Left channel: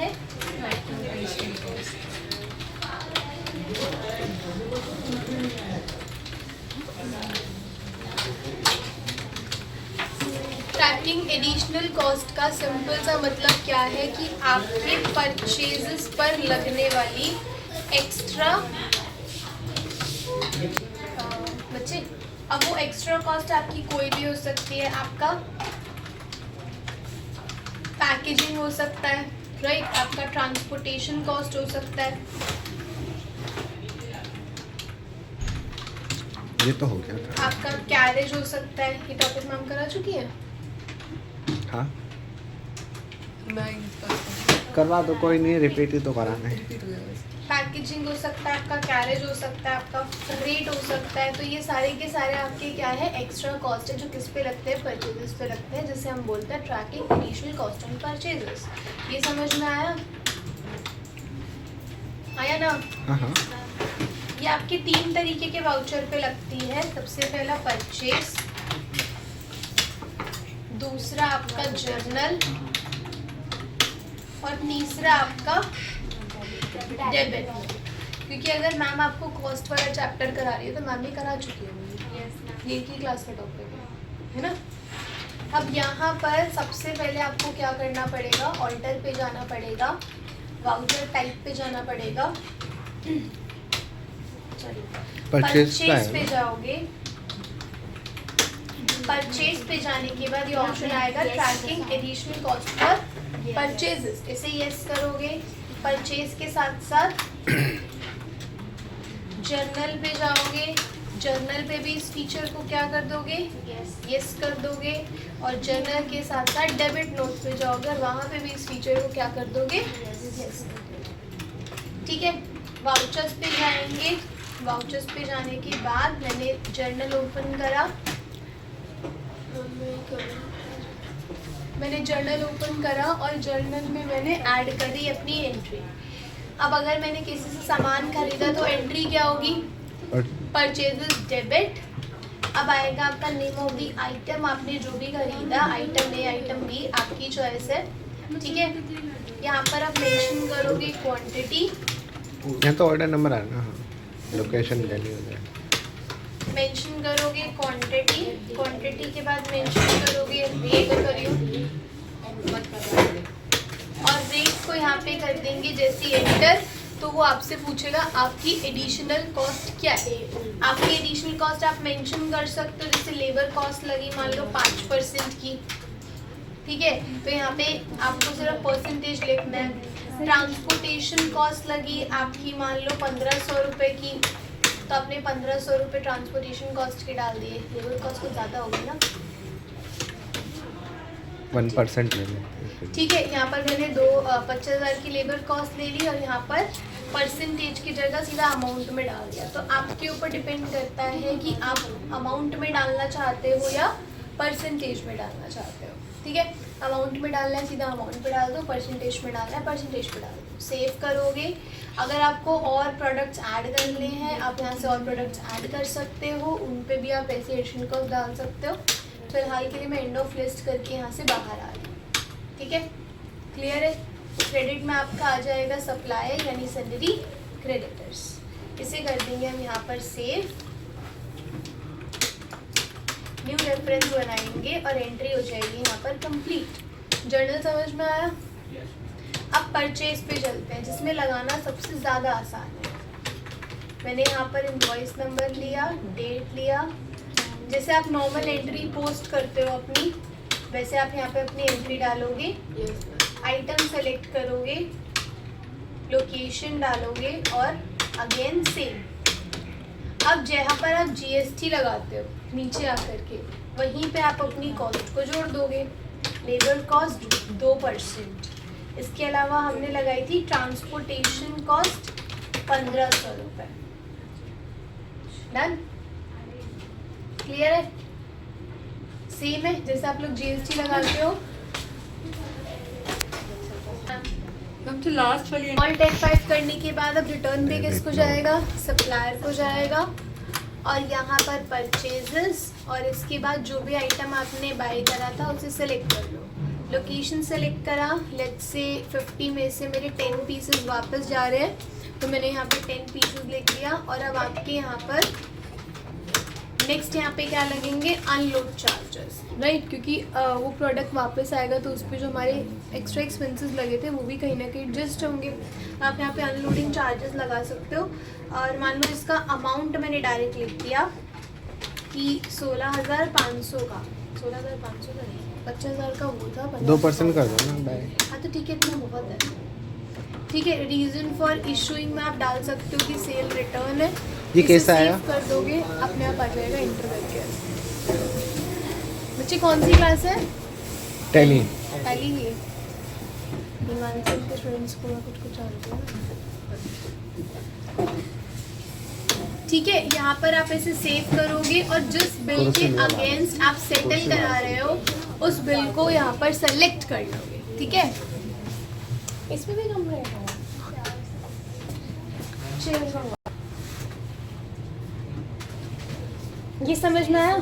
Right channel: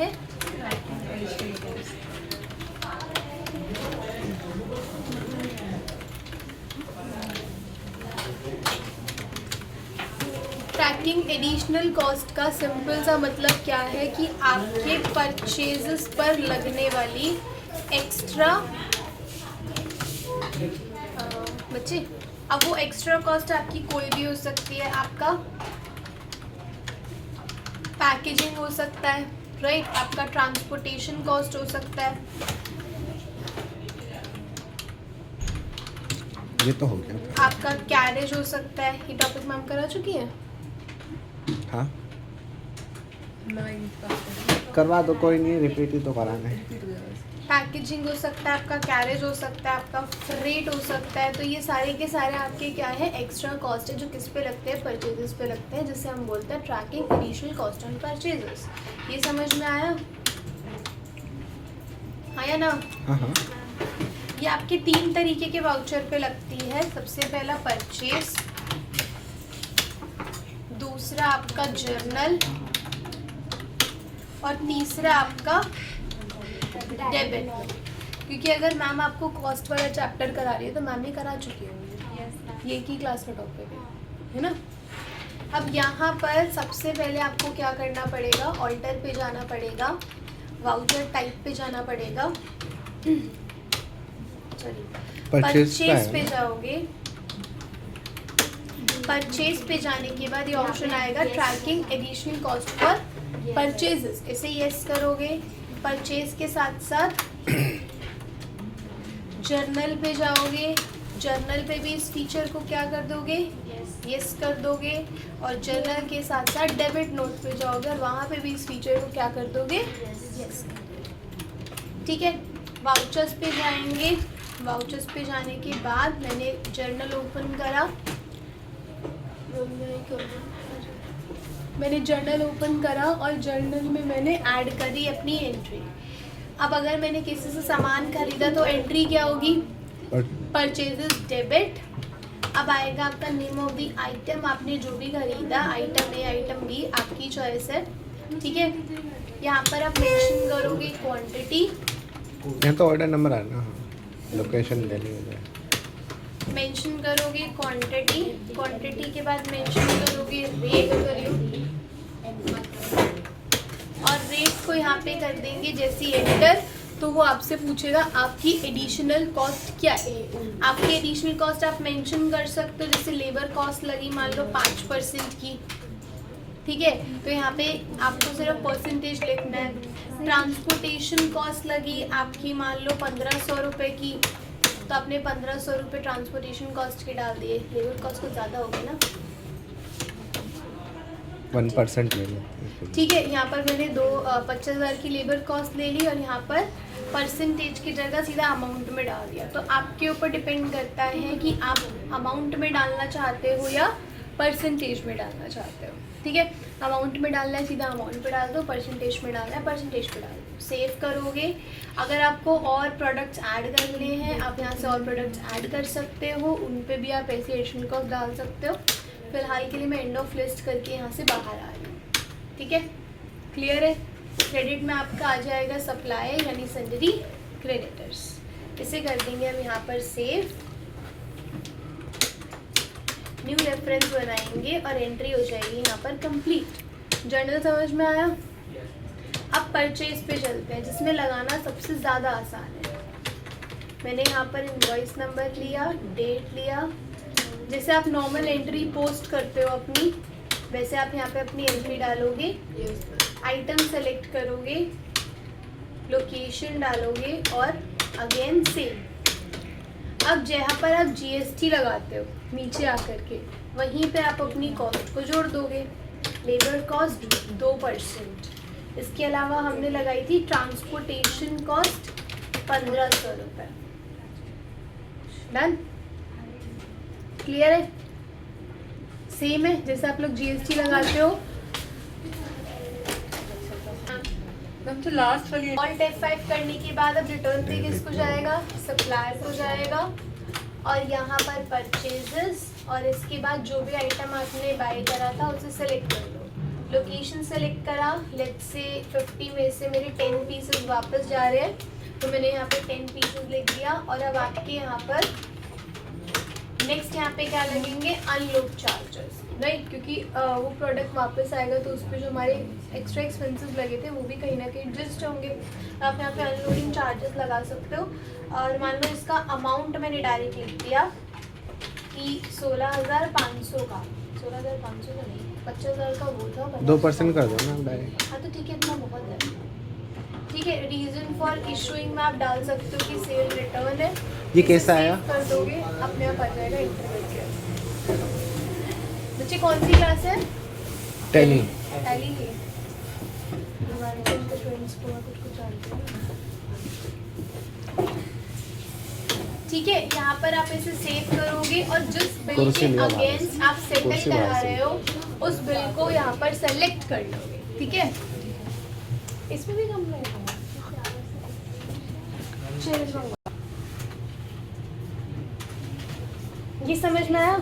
है? Trekking additional cost का simple सा मतलब क्या है कि आपके परचेजेस पर लगने वाली एक्स्ट्रा बच्चे, अब वो एक्स्ट्रा कॉस्ट आपकी कोई भी हो सकती है। आपका पैकेजिंग हो सकता है, राइट, आपका ट्रांसपोर्टेशन कॉस्ट हो सकता है। ये तो हो गया था। आपका कैरेज हो सकता है। ये टॉपिक मैम करा चुकी है। हाँ करवा दो, कोई नहीं, रिपीट ही तो कराना है। पैकेजिंग हो सकता है, आपका कैरेज हो सकता है, आपका फ्रेट हो सकता है। तो ये सारे के सारे आपके क्या है, एक्स्ट्रा कॉस्ट है जो किस पे लगते हैं, परचेजेस पे लगते हैं, जिसे हम बोलते हैं tracking additional cost on purchases. ये समझ में आया? आया ना? हाँ हाँ। ये आपके 3 तरीके के वाउचर पे लगती है। सबसे पहला परचेज, दूसरा आपका जर्नल, और तीसरा आपका डेबिट। क्योंकि अगर मैम आपको कॉस्ट वाला चैप्टर करा रही है तो मैम ने करा चुकी है, ये की क्लास का टॉपिक है ना। अब यहाँ पर सबसे पहले आपको क्या करना पड़ेगा, ऑल्टर पे जाना पड़ेगा, वाउचर टाइप पे जाना पड़ेगा, सॉरी परचेज पे जाओगे। परचेज पे जाने के बाद ये ऑप्शन आएगा tracking additional cost for purchases, इसे यस करोगे। परचेज के साथ साथ जर्नल पे जाओगे, जर्नल पे भी इस फीचर को क्या कर दोगे, यस कर दोगे। और जर्नल के साथ साथ डेबिट नोट पे जाओगे और वहाँ पे भी इस फीचर को क्या कर दोगे, यस कर दोगे। ठीक है, वाउचर्स पे जाएंगे। वाउचर्स पे जाने के बाद मैंने जर्नल ओपन करा, मैंने जर्नल ओपन करा और जर्नल में मैंने ऐड करी अपनी एंट्री। अब अगर मैंने किसी से सामान खरीदा तो एंट्री क्या होगी, परचेजेस डेबिट। अब आएगा आपका नेम ऑफ द आइटम, आपने जो भी खरीदा, आइटम ए आइटम बी आपकी चॉइस है। ठीक है, यहाँ पर आप मेंशन करोगे क्वांटिटी, यहाँ तो ऑर्डर नंबर है ना, लोकेशन देनी हो जाए, मेंशन करोगे क्वांटिटी, क्वांटिटी के बाद मेंशन करोगे रेट करियो, और रेट को यहाँ पे कर देंगे जैसे एडिटर। तो वो आपसे पूछेगा आपकी एडिशनल कॉस्ट क्या है। आपकी एडिशनल कॉस्ट आप मेंशन कर सकते हो, जैसे लेबर कॉस्ट लगी मान लो 5% की, ठीक है, तो यहाँ पे आपको सिर्फ परसेंटेज लिखना है। ट्रांसपोर्टेशन कॉस्ट लगी आपकी मान लो 1500 रुपये की, तो आपने 1500 रुपये ट्रांसपोर्टेशन कॉस्ट के डाल दिए। लेबर कॉस्ट कुछ ज़्यादा होगी ना, 1% ले लेते। ठीक है, यहाँ पर मैंने 50,000 की लेबर कॉस्ट ले ली और यहाँ पर परसेंटेज की जगह सीधा अमाउंट में डाल दिया। तो आपके ऊपर डिपेंड करता है कि आप अमाउंट में डालना चाहते हो या परसेंटेज में डालना चाहते हो। ठीक है, अमाउंट में डालना है सीधा अमाउंट पे डाल दो, परसेंटेज में डालना है परसेंटेज पे डाल दो, सेव करोगे। अगर आपको और प्रोडक्ट्स ऐड करने हैं आप यहाँ से और प्रोडक्ट्स ऐड कर सकते हो, उन पे भी आप ऐसे एडिशनल कॉस्ट डाल सकते हो। फिलहाल के लिए मैं एंड ऑफ लिस्ट करके यहाँ से बाहर आ रही हूँ। ठीक है, क्लियर है। क्रेडिट में आपका आ जाएगा सप्लायर यानी सन्डरी क्रेडिटर्स, इसे कर देंगे हम यहाँ पर सेव, न्यू रेफरेंस बनाएंगे और एंट्री हो जाएगी यहाँ पर कंप्लीट। जर्नल समझ में आया। अब परचेज पे चलते हैं जिसमें लगाना सबसे ज़्यादा आसान है। मैंने यहाँ पर इनवॉइस नंबर लिया, डेट लिया, जैसे आप नॉर्मल एंट्री पोस्ट करते हो अपनी, वैसे आप यहाँ पे अपनी एंट्री डालोगे, आइटम सेलेक्ट करोगे, लोकेशन डालोगे और अगेन सेम। अब जहाँ पर आप जीएसटी लगाते हो नीचे आकर के, वहीं पे आप अपनी कॉस्ट को जोड़ दोगे। लेबर कॉस्ट 2%, इसके अलावा हमने लगाई थी ट्रांसपोर्टेशन कॉस्ट 1500 रुपये। डन, क्लियर है। सेम है जैसे आप लोग जीएसटी लगाते हो। लास्ट वाली ऑल्ट F5 करने के बाद अब रिटर्न पे किसको जाएगा, सप्लायर को जाएगा, और यहाँ पर परचेजेस, और इसके बाद जो भी आइटम आपने बाय करा था उसे सेलेक्ट कर लो। लोकेशन सेलेक्ट करा, लेट्स से 50 में से मेरे 10 पीसेस वापस जा रहे हैं, तो मैंने यहाँ पे 10 पीसेस लिख दिया। और अब आपके यहाँ पर नेक्स्ट यहाँ पे क्या लगेंगे, अनलोड चार्जेस, राइट, क्योंकि वो प्रोडक्ट वापस आएगा तो उस पर जो हमारे एक्स्ट्रा एक्सपेंसेस लगे थे वो भी कहीं ना कहीं एडजस्ट होंगे। आप यहाँ पे अनलोडिंग चार्जेस लगा सकते हो। और मान लो इसका अमाउंट मैंने डायरेक्ट लिख दिया कि 16,500 का, 16,500 का नहीं, 25,000 का वो था, 2% कर दो ना डायरेक्ट। हाँ तो ठीक है, इतना बहुत है। ठीक है, रीजन फॉर इशूइंग में आप डाल सकते हो कि सेल रिटर्न है। ये कैसा इसे आया? save कर दोगे अपने आप आ जाएगा इंटरनेट। बच्चे कौन सी क्लास है? टैली। टैली की। बुलाने से इनके स्टूडेंट्स को कुछ आते हैं। ठीक है, यहाँ पर आप इसे सेव करोगे और जिस बिल के अगेंस्ट आप सेटल करा रहे हो उस बिल को यहाँ पर सेलेक्ट कर लोगे। ठीक है, इसमें भी कम रहेगा। ये समझ में आया?